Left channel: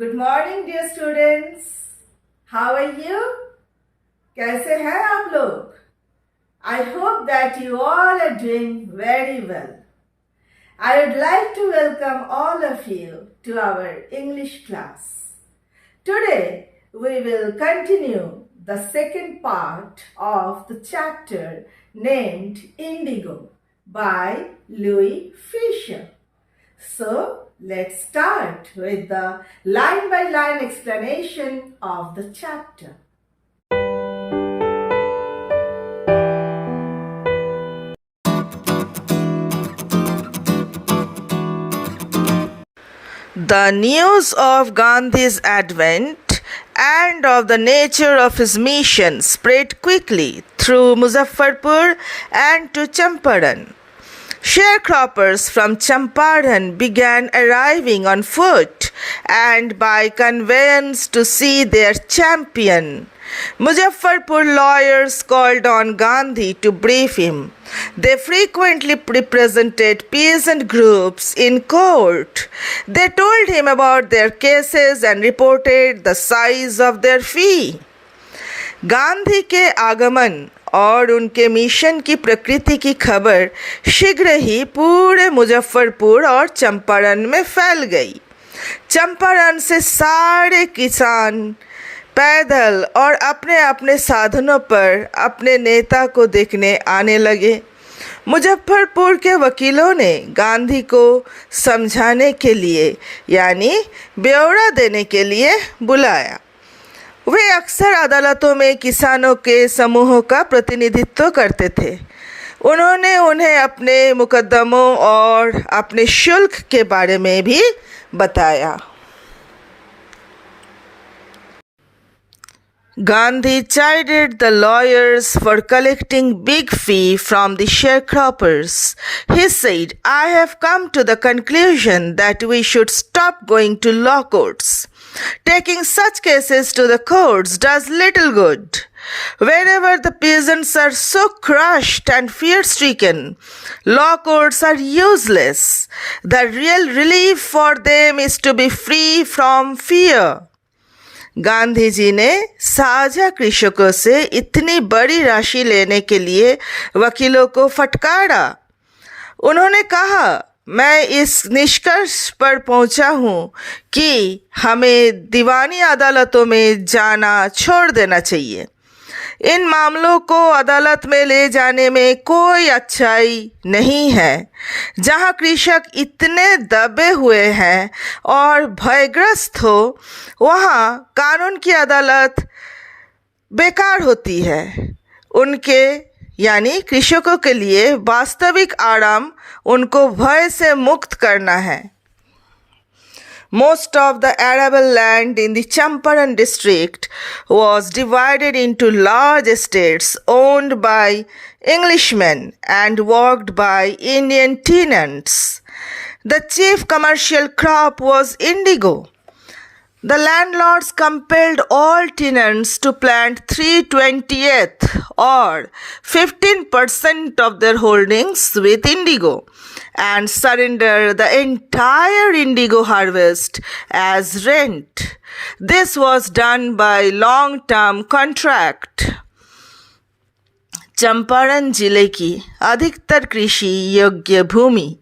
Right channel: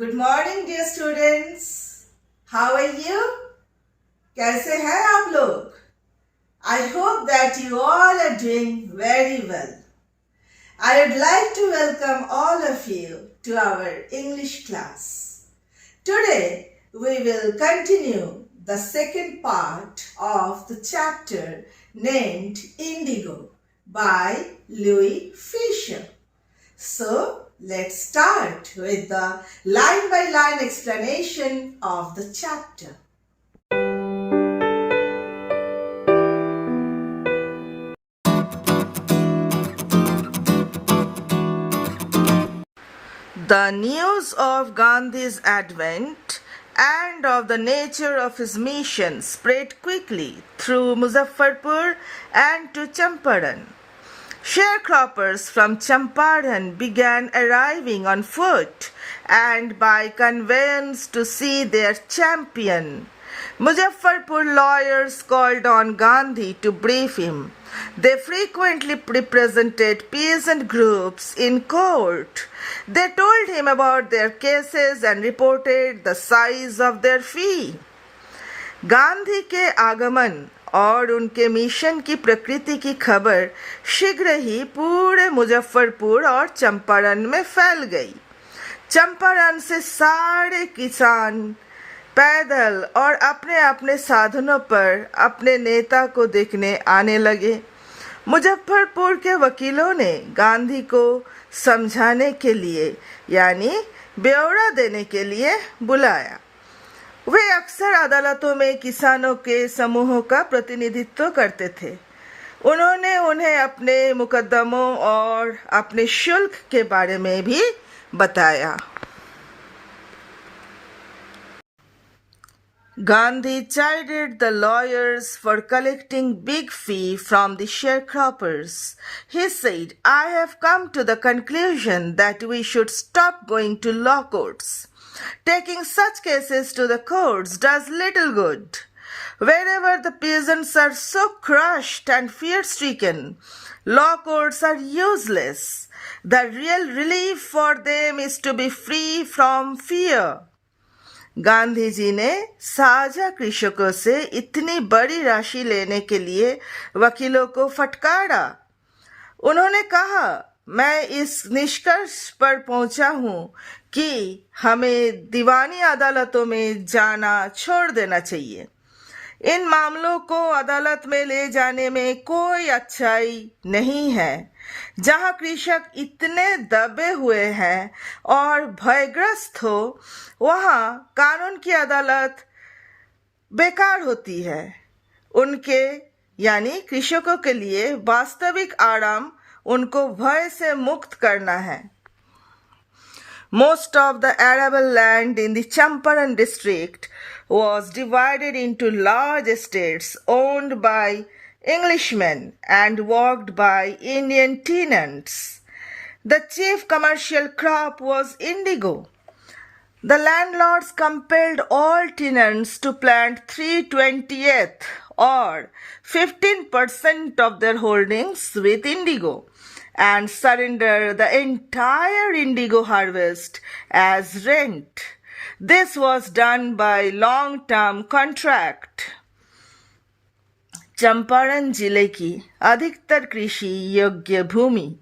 Good morning dear students. How are you? कैसे हैं आप लोग? I hope that you all are doing very well. I would like to welcome all of you to our English class. Today we will continue the second part of the chapter named Indigo by Louis Fisher. So, let's start with the line-by-line explanation of the chapter. The news of Gandhi's advent and of the nature of his mission spread quickly through Muzaffarpur and to Champaran. Sharecroppers from Champaran began arriving on foot and by conveyance to see their champion. Muzaffarpur lawyers called on Gandhi to brief him. They frequently represented peasant groups in court. They told him about their cases and reported the size of their fee. Gandhi के आगमन और उनके mission की प्रकृति की खबर शीघ्र ही पूरे मुजफ्फरपुर और चंपारण में फैल गई। चंपारण से सारे किसान पैदल और अपने अपने साधनों पर अपने नेता को देखने आने लगे। मुजफ्फरपुर के वकीलों ने गांधी को समझाने के लिए यानी ब्यौरा देने के लिए बुलाया। वे अक्सर अदालतों में किसानों के समूहों का प्रतिनिधित्व करते थे। उन्होंने उन्हें अपने मुकदमों और अपने शुल्क के बारे में भी बताया। Gandhi chided the lawyers for collecting big fee from the sharecroppers. He said, "I have come to the conclusion that we should stop going to law courts. Taking such cases to the courts does little good. Wherever the peasants are so crushed and fear-stricken, law courts are useless. The real relief for them is to be free from fear." Gandhi ji ने साझा कृषकों से इतनी बड़ी राशि लेने के लिए वकीलों को फटकारा। उन्होंने कहा, मैं इस निष्कर्ष पर पहुंचा हूं कि हमें दीवानी अदालतों में जाना छोड़ देना चाहिए। इन मामलों को अदालत में ले जाने में कोई अच्छाई नहीं है। जहां कृषक इतने दबे हुए हैं और भयग्रस्त हो, वहां कानून की अदालत बेकार होती है। उनके यानी कृषकों के लिए वास्तविक आराम उनको भय से मुक्त करना है। Most of the arable land in the Champaran district was divided into large estates owned by Englishmen and worked by Indian tenants. The chief commercial crop was indigo. The landlords compelled all tenants to plant 3/20th or 15% of their holdings with indigo and surrender the entire indigo harvest as rent. This was done by long-term contract. Champaran जिले की अधिकतर कृषि योग्य भूमि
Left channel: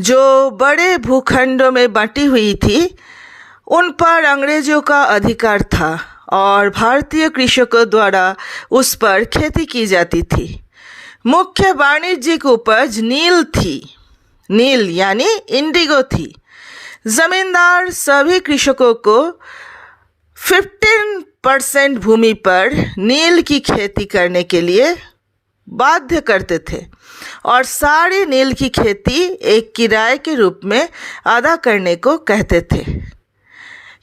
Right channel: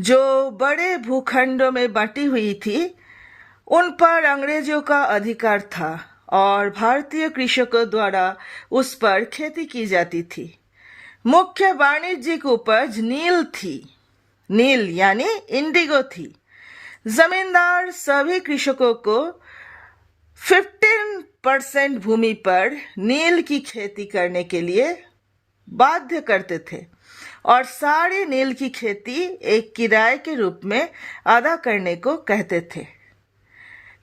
जो बड़े भूखंडों में बंटी हुई थी, उन पर अंग्रेजों का अधिकार था और भारतीय कृषकों द्वारा उस पर खेती की जाती थी। मुख्य वाणिज्यिक उपज नील थी। नील यानी इंडिगो थी। जमींदार सभी कृषकों को 15% भूमि पर नील की खेती करने के लिए बाध्य करते थे और सारी नील की खेती एक किराए के रूप में अदा करने को कहते थे।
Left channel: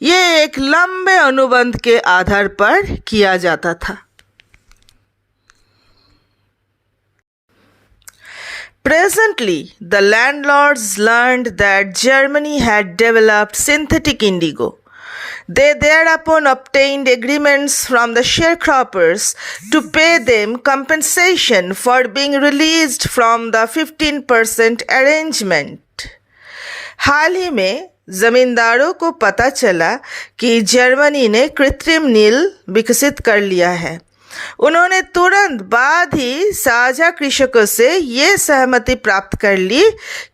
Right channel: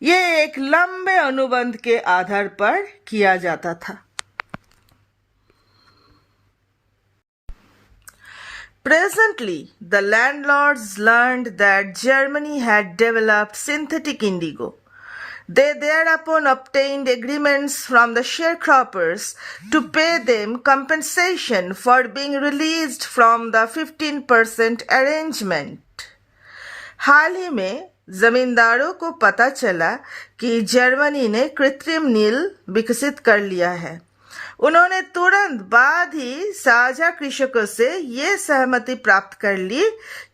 ये एक लंबे अनुबंध के आधार पर किया जाता था। Presently, the landlords learned that Germany had developed synthetic indigo. They thereupon obtained agreements from the sharecroppers to pay them compensation for being released from the 15% arrangement. हाल ही में जमींदारों को पता चला कि जर्मनी ने कृत्रिम नील विकसित कर लिया है। उन्होंने तुरंत बाद ही साझा कृषकों से ये सहमति प्राप्त कर ली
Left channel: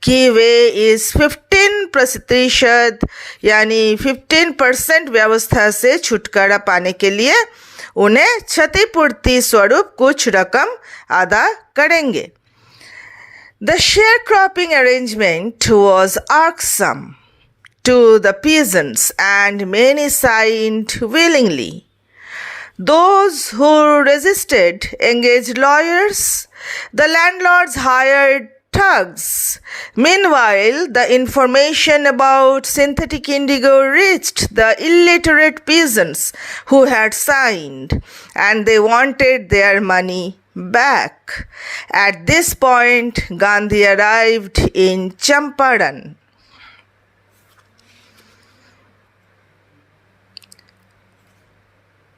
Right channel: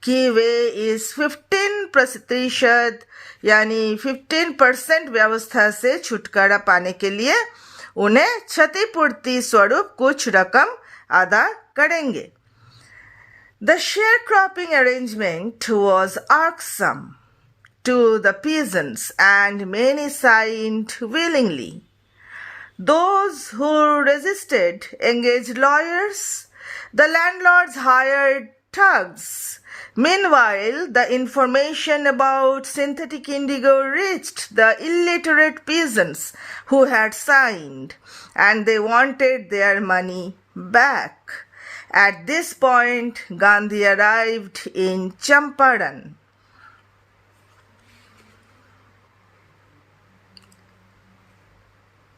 कि वे इस 15% यानी 15% व्यवस्था से छुटकारा पाने के लिए उन्हें क्षतिपूर्ति स्वरूप कुछ रकम अदा करेंगे। The sharecropping arrangement was irksome to the peasants and many signed willingly. Those who resisted engaged lawyers. The landlords hired thugs. Meanwhile, the information about synthetic indigo reached the illiterate peasants who had signed, and they wanted their money back. At this point, Gandhi arrived in Champaran.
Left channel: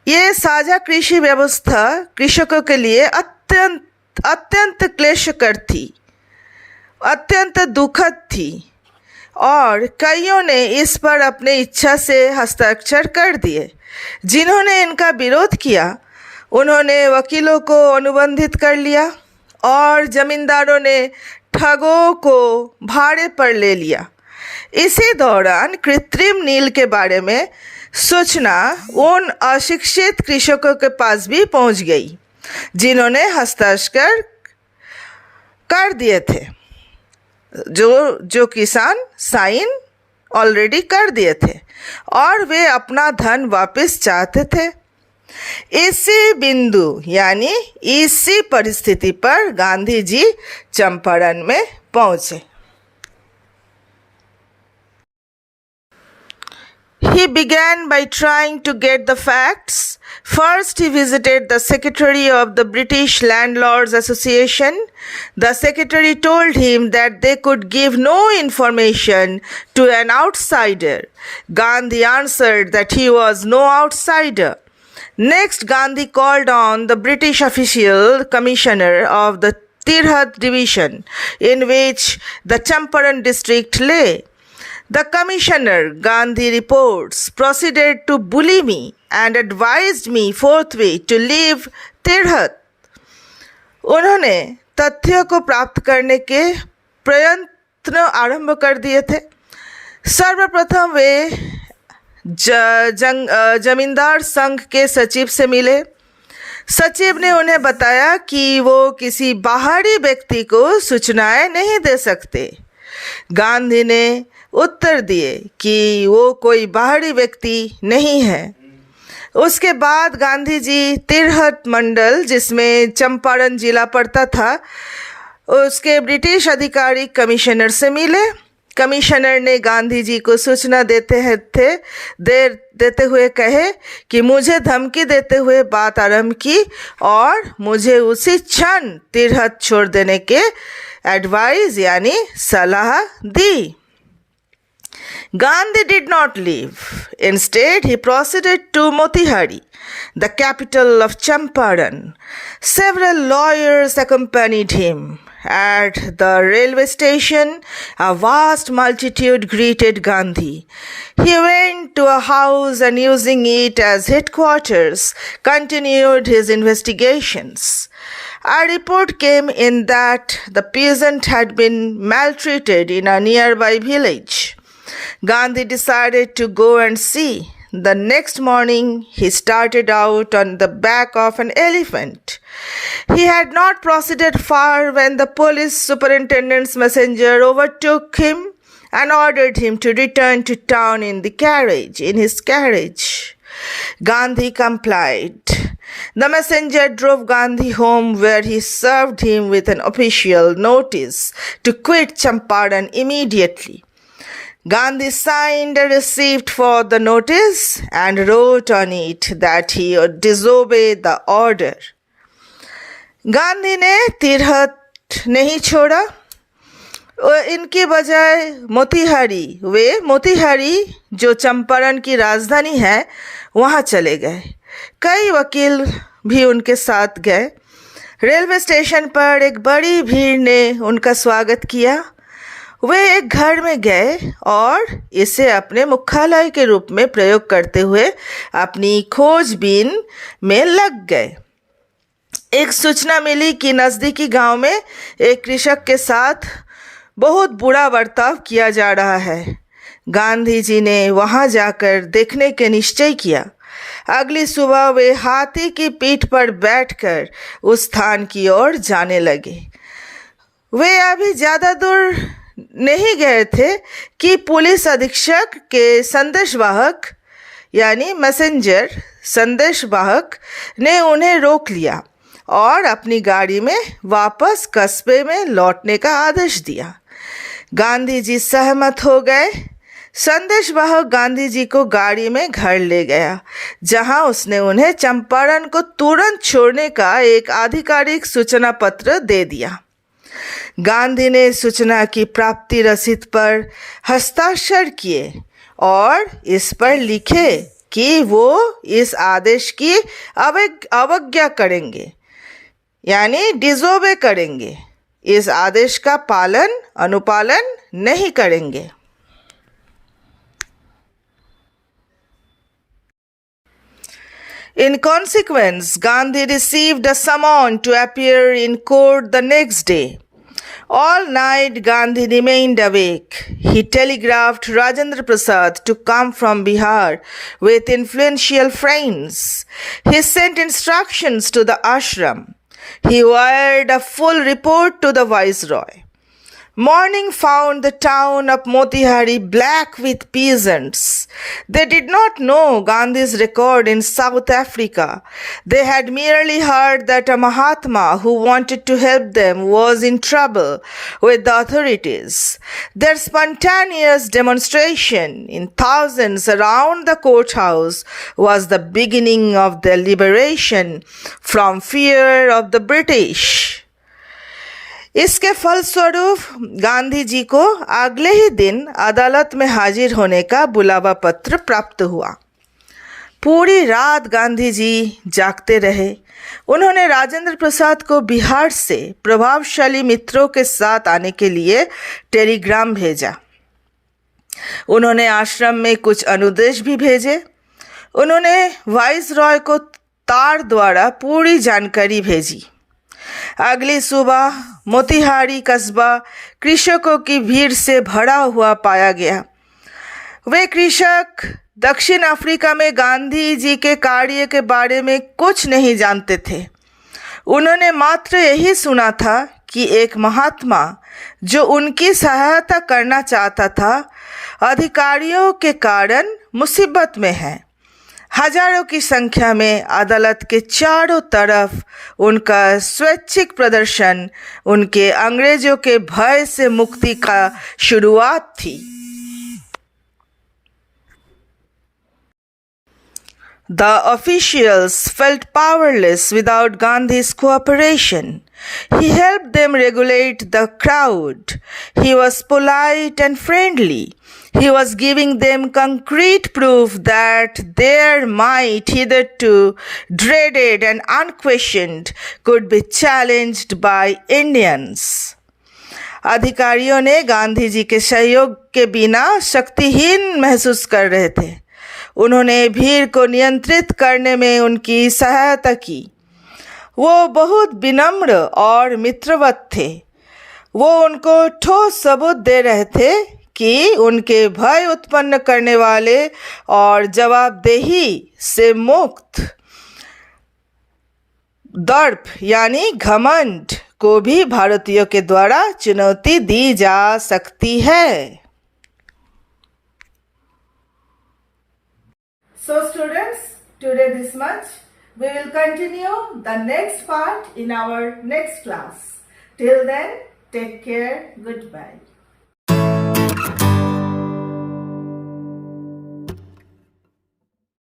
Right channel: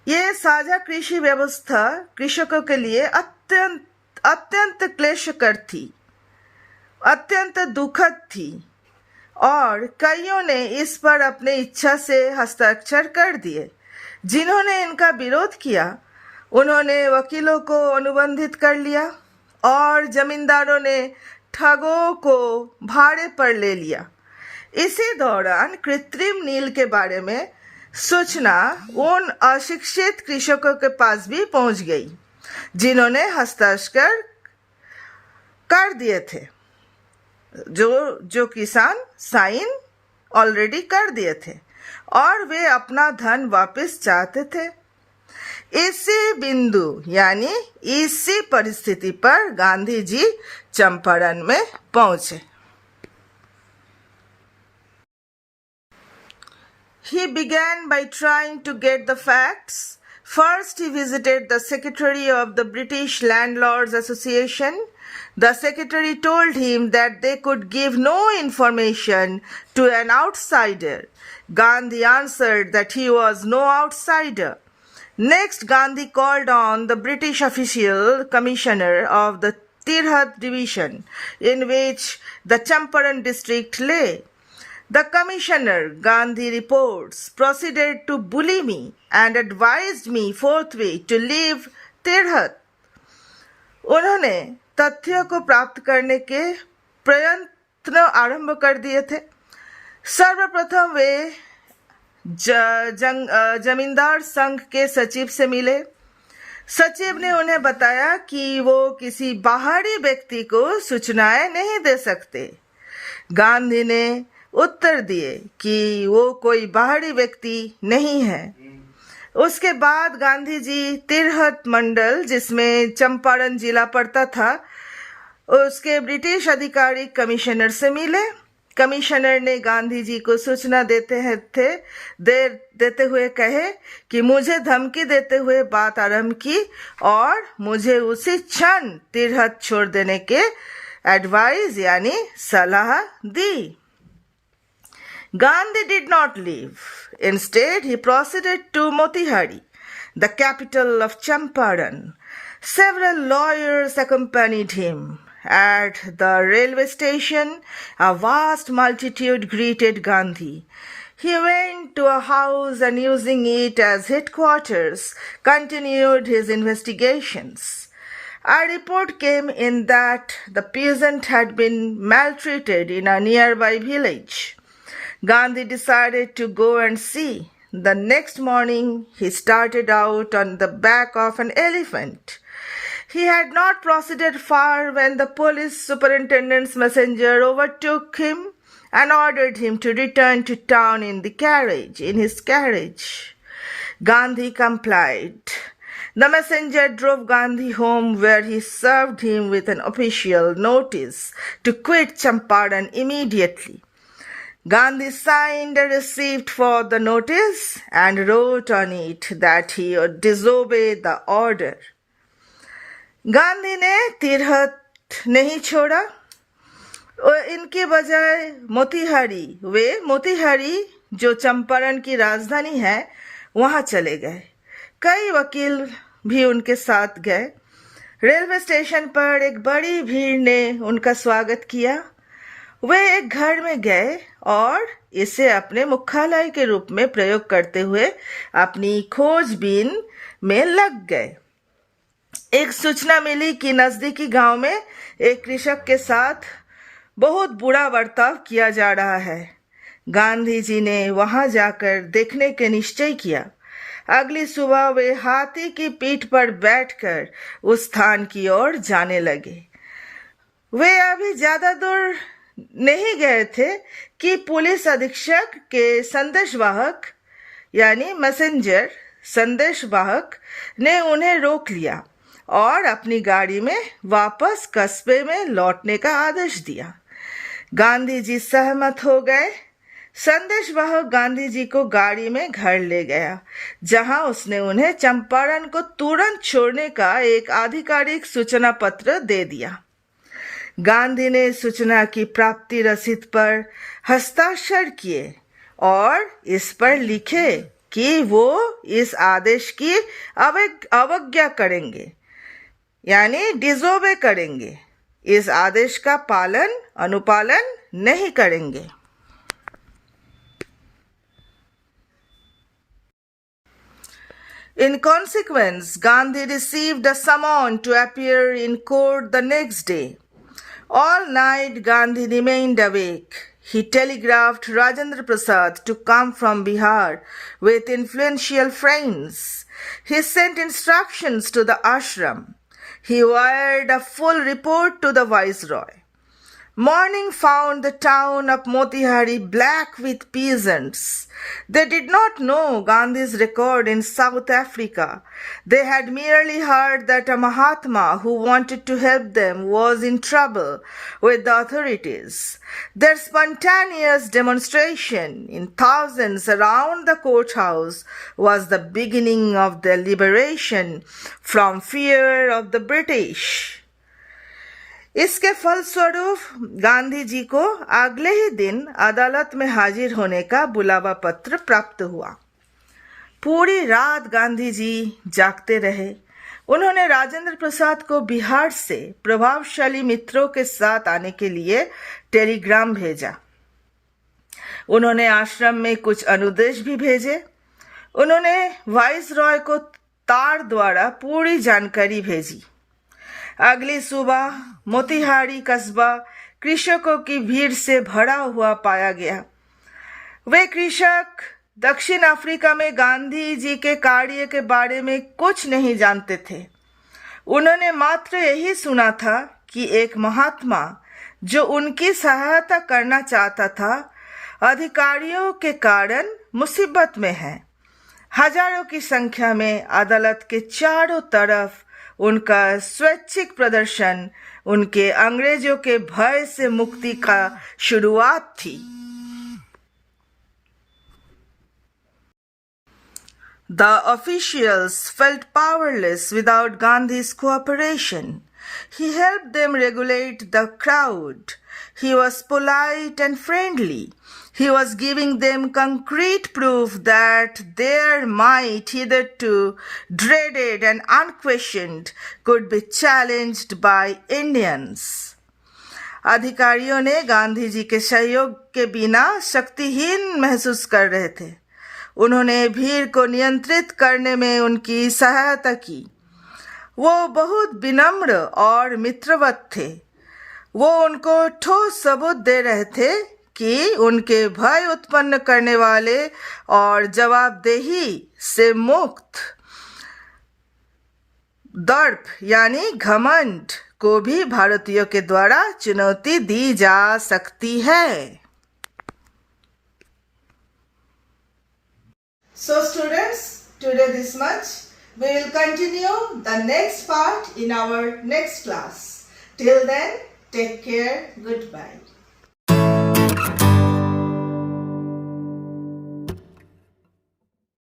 ये साझा कृषि व्यवस्था कृषकों के लिए अत्यंत क्लेशकर थी, अत्यंत दुखद थी और कईयों ने इस पर अपनी इच्छा से हस्ताक्षर कर दिए। जिन्होंने इनका विरोध किया उन्होंने वकीलों को अनुबंधित कर लिया और जमींदारों ने ठगों को भाड़े पर ले लिया। इसी दौरान कृत्रिम नील के बारे में सूचना उन अशिक्षित कृषकों के पास भी पहुंच गई जिन्होंने हस्ताक्षर कर दिए थे, जो किसान साइन ऑलरेडी कर दिए थे और वे अपना धन वापस चाहते थे। इसी बिंदु यानी इसी परिस्थिति पर गांधी जी चंपारण में पहुंचे। He began by trying to get the facts. First, he visited the secretary of the British Landlords Association. The secretary told him that they could give no information to an outsider. Gandhi answered that he was no outsider. Next, Gandhi called on the British official commissioner of the Tirhat division, in which the Champaran district lay. The commissioner, Gandhi reports, proceeded to bully me and advised me forthwith to leave Tirhat. उन्होंने तथ्यों को प्राप्त करने के प्रयत्न आरंभ कर दिए थे। सर्वप्रथम वे जमींदार संघ के सचिव से मिले। सचिव ने उन्हें बताया कि वो किसी बाहरी व्यक्ति को सूचनाएं नहीं दे सकते। गांधी ने उत्तर दिए कि वो कोई बाहरी व्यक्ति नहीं है। उसके बाद गांधी जी तिरहत मंडल, जिसमें चंपारण जिला पड़ता था, उसके ब्रिटिश अधिकारी कमिश्नर से मिले। कमिश्नर ने गांधी जी को सूचना देते हुए कहे कि मुझे धमकी देते हुए बात आरंभ की और मुझे उसी क्षण तिरहत छोड़ देने के एडवाइस यानी सलाह दी। Gandhi did not leave. Instead, he proceeded to Motihari, the capital of Champaran. Several lawyers accompanied him. At the railway station, a vast multitude greeted Gandhi. He went to a house and, using it as headquarters, continued his investigations. A report came in that the peasant had been maltreated in a nearby village. Gandhi decided to go and see. The next morning, he started out on the back of an elephant. He had not proceeded far when the police superintendent's messenger overtook him and ordered him to return to town in his carriage. Gandhi complied. The messenger drove Gandhi home, where he served him with an official notice to quit Champaran immediately. Gandhi signed a receipt for the notice and wrote on it that he would disobey the order. Gandhi ने तिरहत नहीं छोड़ा। इनकी बजाय मोतीहारी जो चंपारण की राजधानी है वहाँ चले गए। कई वकील भी उनके साथ गए। रेलवे स्टेशन पर एक बड़ी भीड़ ने उनका स्वागत किया। वे एक घर में गए और इसे अपने मुख्यालय के रूप में प्रयोग करते हुए अपनी खोजबीन में लग गए। एक सूचना मिली कि नज़दीकी गांव में एक कृषक के साथ बहुत बुरा बर्ताव किया जा रहा है। गांधी जी ने वहां जाकर देखने के निश्चय किया। अगली सुबह वे हाथी की पीठ पर बैठकर उस स्थान की ओर जाने लगे। वे अभी ज़्यादा दूर नहीं गए थे कि पुलिस अधीक्षक के संदेशवाहक यानी मैसेंजर संदेशवाहक ने उन्हें रोक लिया और अपनी गाड़ी में वापस कस्बे में लौटने का आदेश दिया। गांधी जी सहमत हो गए। संदेशवाहक गांधी जी को गाड़ी में घर ले गया, जहां उसने उन्हें चंपारण को तुरंत छोड़ने का एक आधिकारिक सूचना पत्र दे दिया। गांधी ने सूचना की प्राप्ति रसीद पर हस्ताक्षर किए और इस पर लिखे कि वो इस आदेश की अवज्ञा करेंगे यानी डिसोबे करेंगे, इस आदेश का अनुपालन नहीं करेंगे। In consequence, Gandhi received a summons to appear in court the next day. All night Gandhi remained awake. He telegraphed Rajendra Prasad to come from Bihar with influential friends. He sent instructions to the ashram. He wired a full report to the viceroy. Morning found the town of Motihari black with peasants. They did not know Gandhi's record in South Africa. They had merely heard that a Mahatma who wanted to help them was in trouble with the authorities. Their spontaneous demonstration in thousands around the courthouse was the beginning of their liberation from fear of the British. इसके फलस्वरूप गांधी जी को अगले ही दिन अदालत में हाजिर होने का बुलावा पत्र प्राप्त हुआ। पूरी रात गांधी जी जागते रहे। उन्होंने राजेंद्र प्रसाद को बिहार से प्रभावशाली मित्रों के साथ आने के लिए टेलीग्राम भेजा। उन्होंने आश्रम में कुछ अनुदेश भी भेजे। उन्होंने वाइसरॉय को तार द्वारा पूरी जानकारी भेजी। अगली सुबह मोतिहारी कस्बा कृषकों की भीड़ से भरा हुआ पाया गया। वे कृषक दक्षिण अफ्रीका में गांधी जी के कार्य के बारे में कुछ नहीं जानते थे। उन्होंने मात्र यही सुना था कि एक महात्मा जो उनकी सहायता करना चाहता था, अधिकारियों के कारण मुसीबत में है। हजारों की संख्या में अदालत के चारों तरफ उनका स्वैच्छिक प्रदर्शन उनके अंग्रेजों के भय से मुक्ति का शुरुआत थी। The officials felt powerless without Gandhi's cooperation. He helped them regulate the crowd. He was polite and friendly. He was giving them concrete proof that their might, hitherto dreaded and unquestioned, could be challenged by Indians. अधिकारियों ने गांधी जी के सहयोग के बिना शक्तिहीन महसूस कर रहे थे। उन्होंने भीड़ को नियंत्रित करने में उनकी सहायता की। वो बहुत विनम्र और मित्रवत थे। वो उनको ठोस सबूत दे रहे थे कि उनके भय उत्पन्न करने वाले और जवाबदेही से मुक्त दर्प यानी घमंड को भी भारतीयों के द्वारा चुनौती दी जा सकती है। So students, today this much. We will continue the next part in our next class. Till then, take care. Goodbye.